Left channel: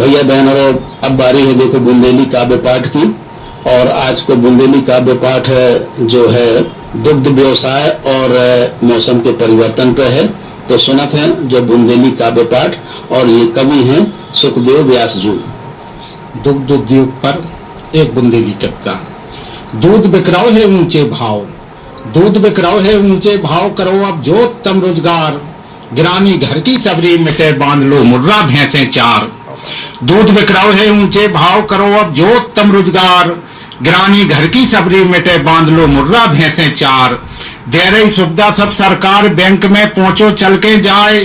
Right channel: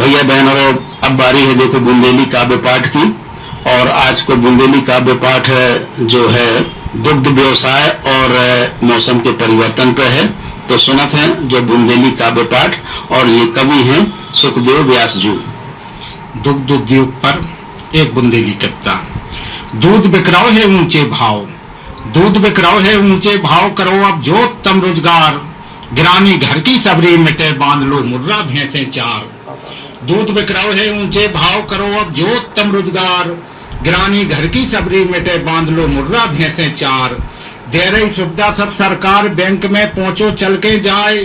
भैया बहनों, अब बारी है देखो बुंदेली काव्य पाठ की। और आज को बुंदेली काव्य पाठ जो है दुग्ध व्यवसाय और मौसम के परिवर्तन पर है। तो सुनत हैं जो बुंदेली काव्य पाठ, और ये कवि हैं सुखदेव व्यास जी। दुग्ध उद्योग पर एक बुंदेली कविता। दूध बिकराओ है ऊंचे भाव, दूध बिकराओ है ऊंचे भाव, करो अब जो तम रोजगार, गिरानी घर की सबरी मिटे बांध लो मुर्रा भैंसे चार। दूध बिकराओ है ऊंचे भाव, करो अब जो तम रोजगार, गिरानी घर की सबरी मिटे बांध लो मुर्रा भैंसे चार। दे रही सुविधा सब सरकार, बैंक में पहुंचो चल के जाए,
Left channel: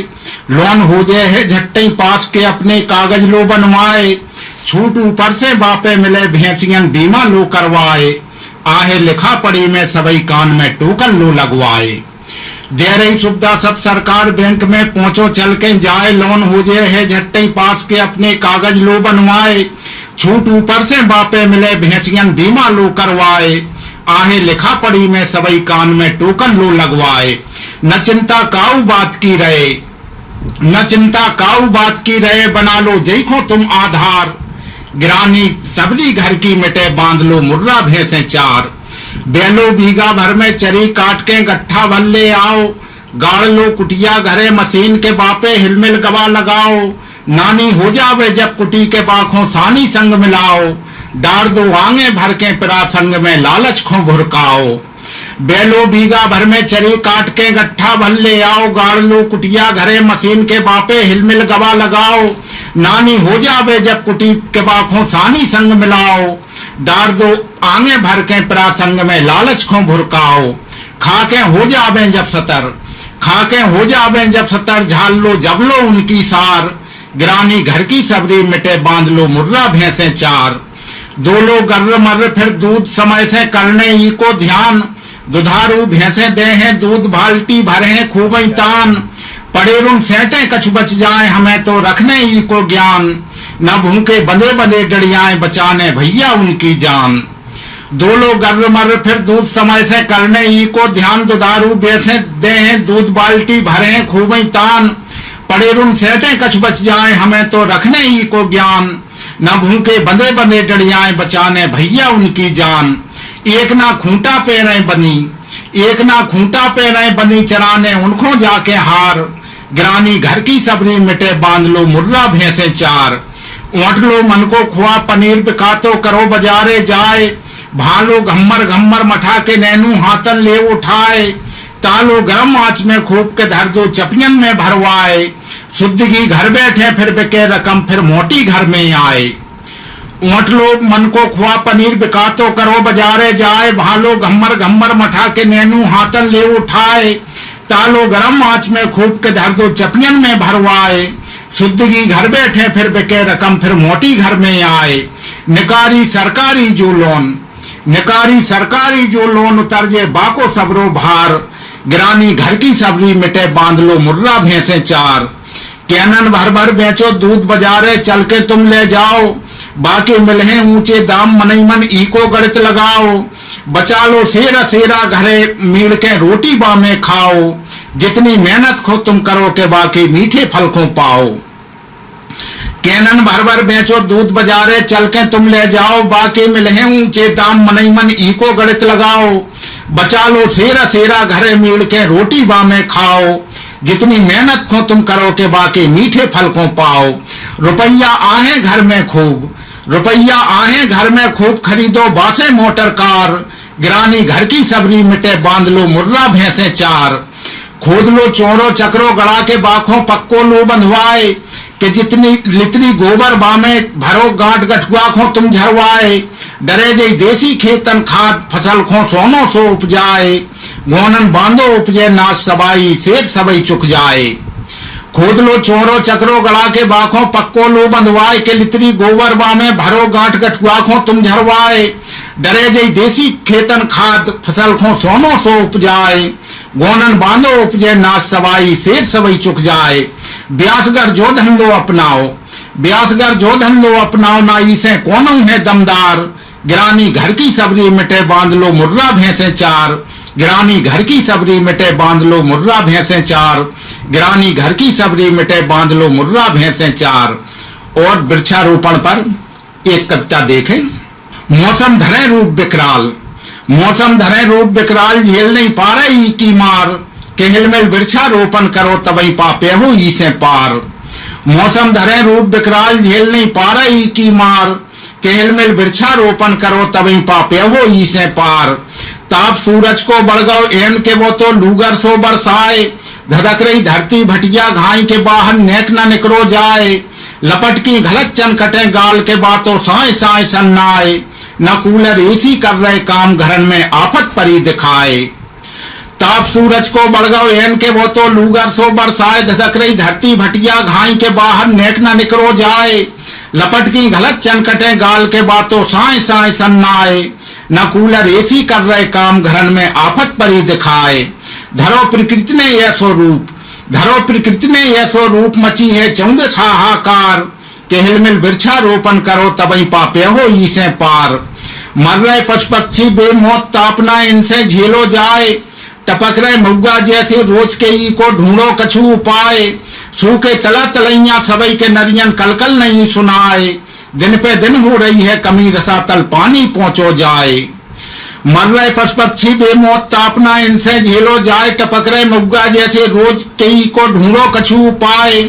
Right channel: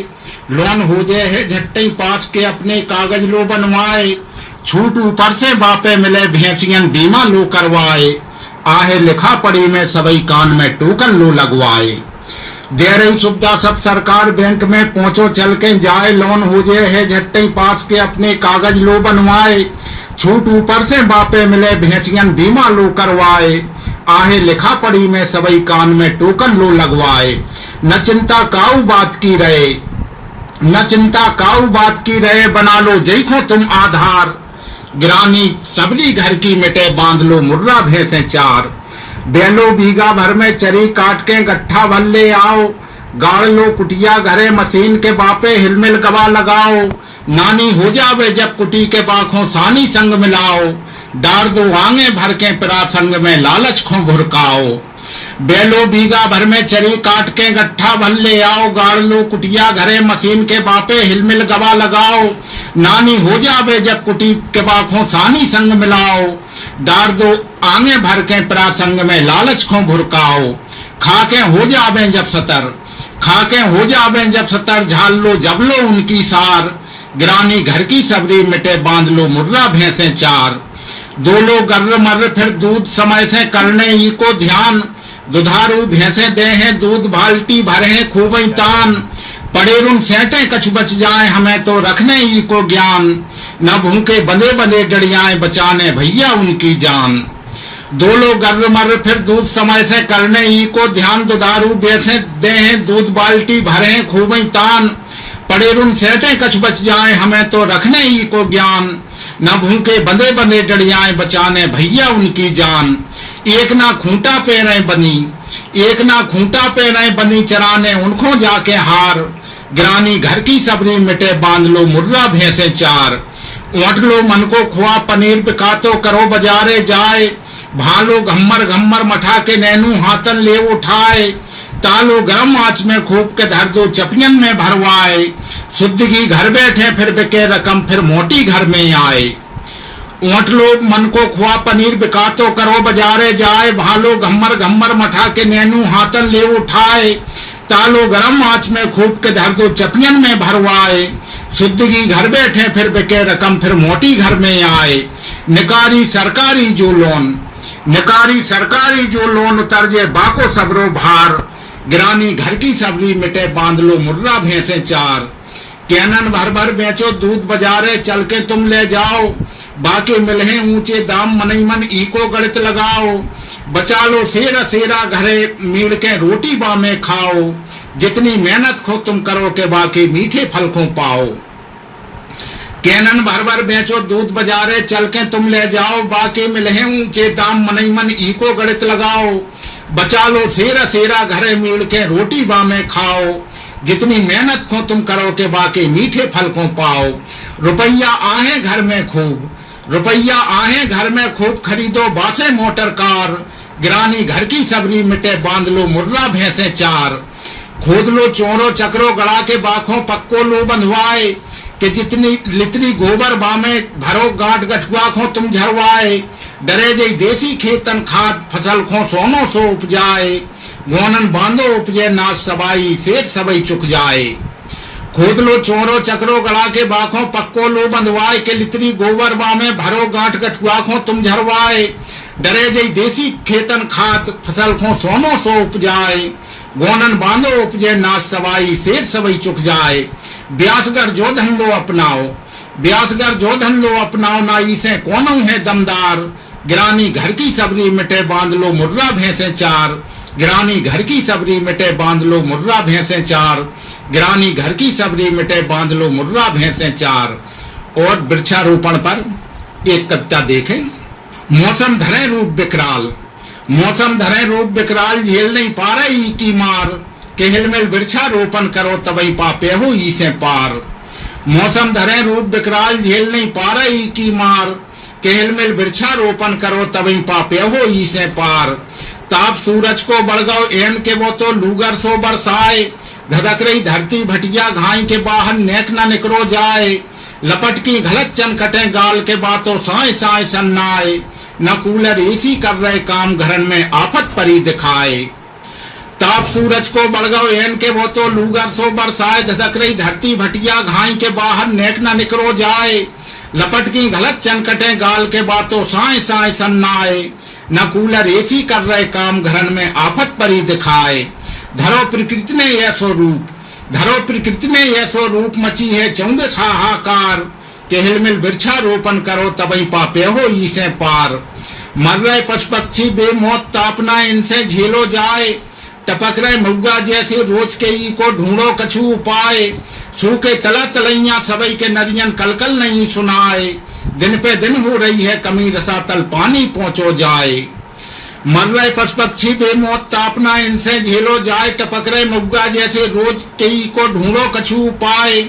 लोन हो जाए है झट्टे पास के अपने कागज लो बनवाए, छूट ऊपर से बापे मिले भैंसियन बीमा लो करवाए, आहे लिखा पड़ी में सबई कान में टोकन लो लगवाए। दे रही सुविधा सब सरकार, बैंक में पहुंचो चल के जाए, लोन हो जाए है झट्टे पास के अपने कागज लो बनवाए, छूट ऊपर से बापे मिले भैंसियन बीमा लो करवाए, आहे लिखा पड़ी में सबई कान में टोकन लो लगवाए। न चिंता काऊ बात की रहे, न चिंता काऊ बात की रहे, बना लो जैखो तुम आधार, गिरानी सबरी घर की मिटे बांध लो मुर्रा भैंसे चार। बेलो बीघा भर में चरी काट के गट्ठा भर ले आओ, गाड़ लो कुटिया घरे मशीन के बापे हिलमिल गवा लगाओ, नानी हो जावे जब कुटी के बाखों सानी संग मिलाओ, डार दो आंगे भर के पिरा संग में लालच खो भुरकाओ। बेलो बीघा भर में चरी काट के गट्ठा भर ले आओ, गाड़ लो कुटिया घरे मशीन के बापे हिलमिल गवा लगाओ, नानी हो जावे जब कुटी के बाखों सानी संग मिलाओ, डार दो आंगे भर के पिरा संग में लालच खो भुरकाओ। खाके हो जावे जब सतर, खाके हो जावे जब सतर, झाल लो जब लो उनकी सार, गिरानी घर की सबरी मिटे बांध लो मुर्रा भैंसे चार। दो लो गर्र मर्र फिर दूध समय से करने ही को ध्यान, दुधारू भैंसे दे हैं दूध बाल्टी भरे हैं खूब तान, पड़े रुन सेंटे कछु बच जाए हमें तो रखने ही को ज्ञान, न भूखे बंदे बंदे डड़ियाए बचाने भैया उनकी जान। दो लोग गर्र मर्र फिर दूध समय से करने ही को ध्यान, दुधारू भैंसे दे हैं दूध बाल्टी भरे हैं खूब तान, पड़े रुन सेंटे कछु बच जाए हमें तो रखने ही को ज्ञान, न भूखे बंदे बंदे डड़ियाए बचाने भैया उनकी जान। एक ना खूंटा पे रहे बनी, एक ना खूंटा पे रहे बनी, चराने उनको जाके हार, गिरानी घर की सबरी मिटे बांध लो मुर्रा भैंसे चार। ऊँट लो मन को खुआ पनीर बिकातो करो बाजारे जाए, भालो घम्मर घम्मर मठा के नैनू हाथन ले उठाए, तालो गरम आंच में खूब के धर दो चपियन में भरवाए, शुद्ध घी घर बैठे फिर बिके रकम फिर मोटी घर में आए। ऊँट लोग मन को खुआ पनीर बिकातो करो बाजारे जाए, भालो घम्मर घम्मर मठा के नैनू हाथन ले उठाए, तालो गरम आंच में खूब के धर दो चपियन में भरवाए, शुद्ध घी घर बैठे फिर बिके रकम फिर मोटी घर में आए। निकारी सरकारी जो लोन, निकारी सरकारी जो लोन, उतर जे बाको सबरो भार, गिरानी घर की सबरी मिटे बांध लो मुर्रा भैंसे चार। कैनन भर भर बेचो दूध बाजारे चल के तुम ले जाओ, बाकी मिले ऊंचे दाम मनई मन इको गणित लगाओ, बचा लो सेरा सेरा घरे मीड़ के रोटी बामे खाओ, जितनी मेहनत खो तुम करो के बाकी मीठे फल को पाओ। कैनन भर भर बेचो दूध बाजारे चल के तुम ले जाओ, बाकी मिले ऊंचे दाम मनई मन इको गणित लगाओ, बचा लो सेरा सेरा घरे मीड़ के रोटी बामे खाओ, जितनी मेहनत को तुम करो के बाकी मीठे फल को पाओ। रुपया आहे घर में खूब, रुपया आहे घर में खूब, खरीदो बासे मोटर कार, गिरानी घर की सबरी मिटे बांध लो मुर्रा भैंसे चार। खोद लो चोरो चक्रो गड़ा के बाखों पक्को लो बंधवाए, कि जितनी लितनी गोबर बामे भरो गांठ गठुआ खो तुम झरवाए, डरे जई देसी खेतन खाद फसल खो सोनो सो उपजाए, गोनन बांधो उपजे नाश सबाई सेठ सबई चुक जाए। खोद लो चोरो चक्रो गड़ा के बाखों पक्को लो बंधवाए, के लितरी गोबर बामे भरो गांठ गठुआ खो तुम झरवाए, डरे जई देसी खेतन खाद फसल खो सोनो सो उपजाए, गोनन बांधो उपजे नाश सबाई सेठ सबई चुक जाए। ब्यासगर जो धंधो अपनाओ, ब्यासगर जो धंधो अपनाओ, नाई से कोनो है दमदार, गिरानी घर की सबरी मिटे बांध लो मुर्रा भैंसे चार, गिरानी घर की सबरी मिटे बांध लो मुर्रा भैंसे चार, गिरानी घर की सबरी मिटे बांध लो मुर्रा भैंसे चार। और वृक्षारोपण पर एक कविता देखें। मौसम धरे रूप विकराल, मौसम धरे रूप विकराल, झेल नहीं पा रही की मार, केहल में वृक्षारोपण करो तबई पापे हो इसे पार। मौसम धरे रूप विकराल, झेल नहीं पा रही की मार, केहल में वृक्षारोपण करो तबई पापे हो इसे पार। ताप सूरज को बढ़ गो एन के वो तो लूगर सो बरसाए, धधक रही धरती भटिया घाई के बाहर नेक न निकरो जाए। लपट की घलत चन कटे गाल के बातों साए साए सन्नाए, न कूलर एसी कर रहे काम घरन में आफत परी दिखाए। ताप सूरज को बढ़ गो एन के वो तो लूगर सो बरसाए, धधक रही धरती भटिया घाई के बाहर नेक न निकरो जाए। लपट की घलत चन कटे गाल के बातों साए साए सन्नाए, न कूलर एसी कर रहे काम घरन में आफत परी दिखाए। धरो प्रकृति ने यह स्वरूप, धरो प्रकृति ने यह स्वरूप, मची है चौंदस हाहाकार, केहल मिल वृक्षारोपण करो तबई पापे हो इसे पार। मर रहे पशु पक्षी बेमौत तापना इनसे झेलो जाए, टपक रहे मुर्गा जैसे रोज के ई को ढूंढो कछु उपाय। सूखे तला तलैया सबई के नरियन कलकल नहीं सुनाए, दिन पे दिन हो रही है कमी रसातल पानी पहुंचो जाए। मर रहे पशु पक्षी बेमौत तापना इनसे झेलो जाए, टपक रहे मुर्गा जैसे रोज के ई को ढूंढो कछु उपाय।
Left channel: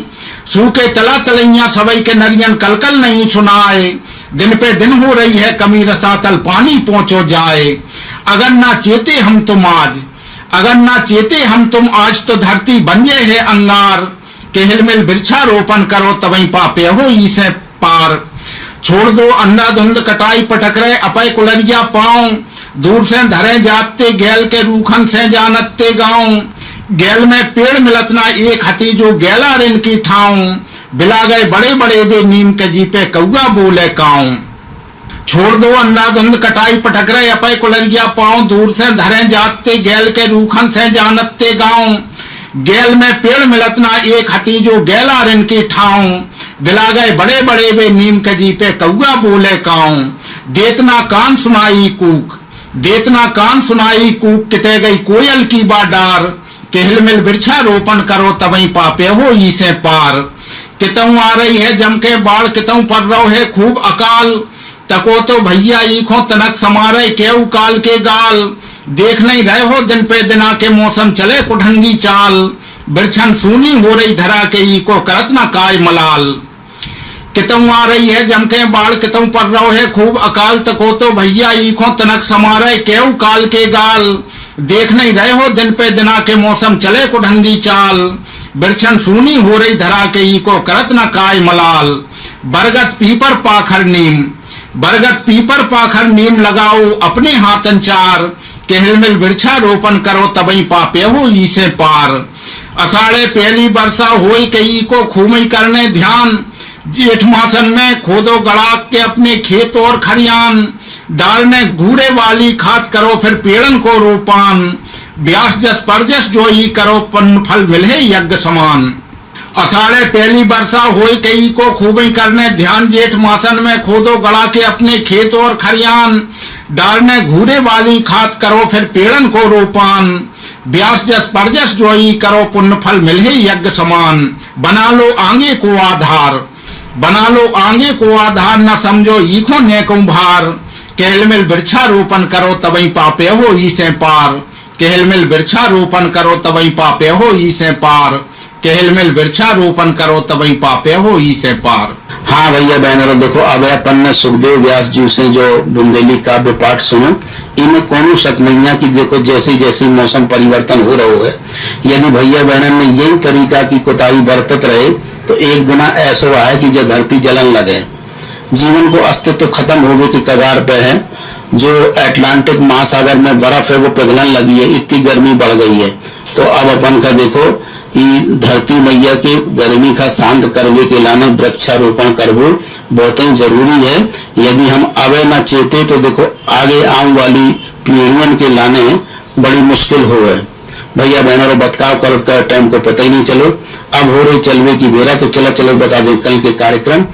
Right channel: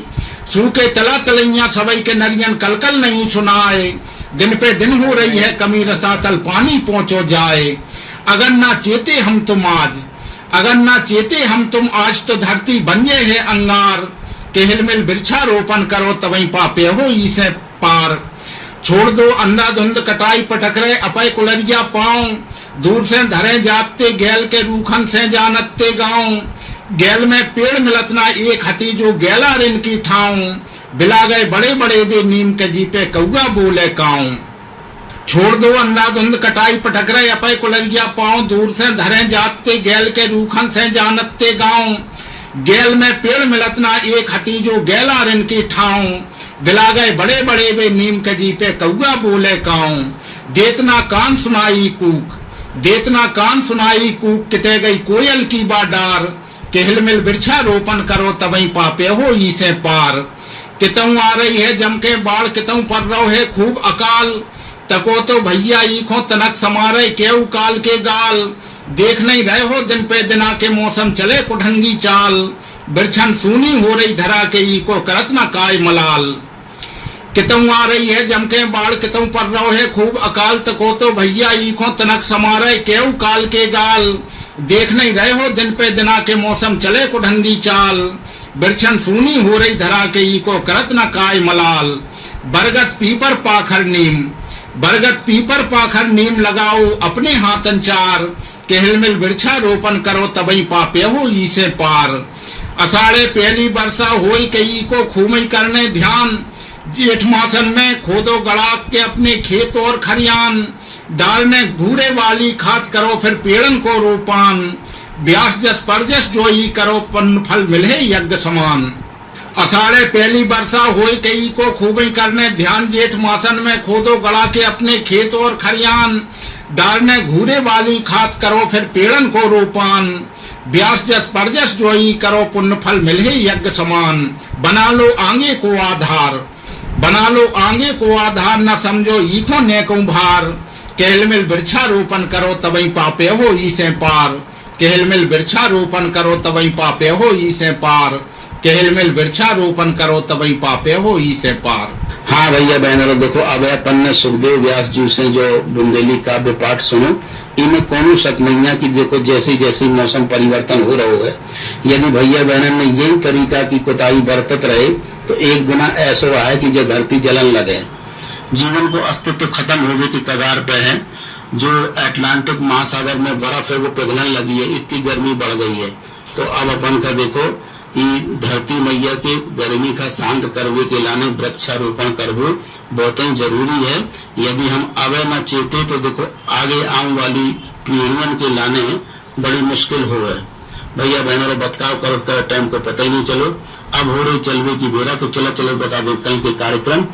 सूखे तला तलैया सबई के नरियन कलकल नहीं सुनाए, दिन पे दिन हो रही है कमी रसातल पानी पहुंचो जाए। अगर ना चेते हम तुम आज, अगर ना चेते हम तुम आज, तो धरती बंजे है अंगार, केहल मिल वृक्षारोपण करो तबई पापे हो इसे पार। छोड़ दो अंधाधुंध कटाई पटक रहे अपय कुलरिया पांव, दूर से धरे जाते गैल के रूखन से जानते गांव। गैल में पेड़ मिलत ना एक हती जो गैला रिन की ठाऊं, बिला गए बड़े बड़े वे नीम के जीपे कौआ बोले काऊं। छोड़ दो अंधाधुंध कटाई पटक रहे अपय कुलरिया पांव, दूर से धरे जाते गैल के रूखन से जानते गांव। गैल में पेड़ मिलत ना एक हती जो गैला रिन की ठाऊं, बिला गए बड़े बड़े वे नीम के जीपे कौआ बोले काऊं। देतना कान सुनाई कूक, देतना कान सुनाई कूक, किते गई कोयल की बाडार, केहल मिल वृक्षारोपण करो तबई पापे हो इसे पार। कितऊ आ रही है जम के बाढ़, कितऊ पर रहो है खूब अकाल, तको तो भैया ईखों तनक समारे केऊ काल के गाल। देख नहीं रहे हो दिन पे दिना के मौसम चले कुढंगी चाल, बिरछन सूनी हो रही धरा के ईको करत न काय मलाल। कितऊ आ रही है जम के बाढ़, कितऊ पर रहो है खूब अकाल, तको तो भैया ईखों तनक समारे केऊ काल के गाल। देख नहीं रहे हो दिन पे दिना के मौसम चले कुढंगी चाल, बिरछन सूनी हो रही धरा के ईको करत न काय मलाल। बरगद पीपर पाखर नीम, बरगद पीपर पाखर नीम लगाओ अपने हाथन चार, केहल मिल वृक्षारोपण करो तबई पापे हो इसे पार। अषाढ़े पहली वर्षा होई कई को खूमई करने ध्यान, जेठ मासन में खोदो गड़ा के अपने खेत और खरियान। डालने घूरे वाली खाद करो फिर पेड़न को रोपान, ब्यास जस परजस जोई करो पन्न फल मिले यज्ञ समान। अषाढ़े पहली वर्षा होई कई को खूबी करने ध्यान, जेठ मासन में खोदो गड़ा के अपने खेत और खरियान। डालने घूरे वाली खाद करो फिर पेड़न को रोपान, ब्यास जस परजस जोई करो पुण्य फल मिले यज्ञ समान। बना लो आगे को आधार, बना लो आगे को आधार, न समझो ईखों नेकों भार, केहल मिल वृक्षारोपण करो तबई पापे हो इसे पार। केहल मिल वृक्षारोपण करो तबई पापे हो इसे पार, केहल मिल वृक्षारोपण करो तबई पापे हो इसे पार। हाँ भैया बहनों, देखो अब अपन ने सुखदेव व्यास जी से जो बुंदेली काव्य पाठ सुनो, इनमें कोनो शक नहीं है कि देखो जैसे जैसे मौसम परिवर्तन हो रहा है, यदि भैया बहनों ने यही तरीका की कोताही बरतत रहे तो एक दिन ऐसा है कि जब धरती जलन लगे, जीवन को अस्तित्व खत्म होने की कगार पे है। जो अटलांटिक महासागर में बर्फ है वो पिघलने लगी है, इतनी गर्मी बढ़ गई है। तो अब अपन का देखो कि धरती मैया के गर्मी का शांत करने के लाने वृक्षारोपण करवो बहुत ही जरूरी है। यदि हम अब न चेते तो देखो आगे आने वाली पीढ़ियों के लाने बड़ी मुश्किल हो है। भैया बहनों बतकाव कर उसका टाइम को पता ही नहीं चलो। अब हो रही चलवे की बेरा, तो चला चलो बता दें कल के कार्यक्रम।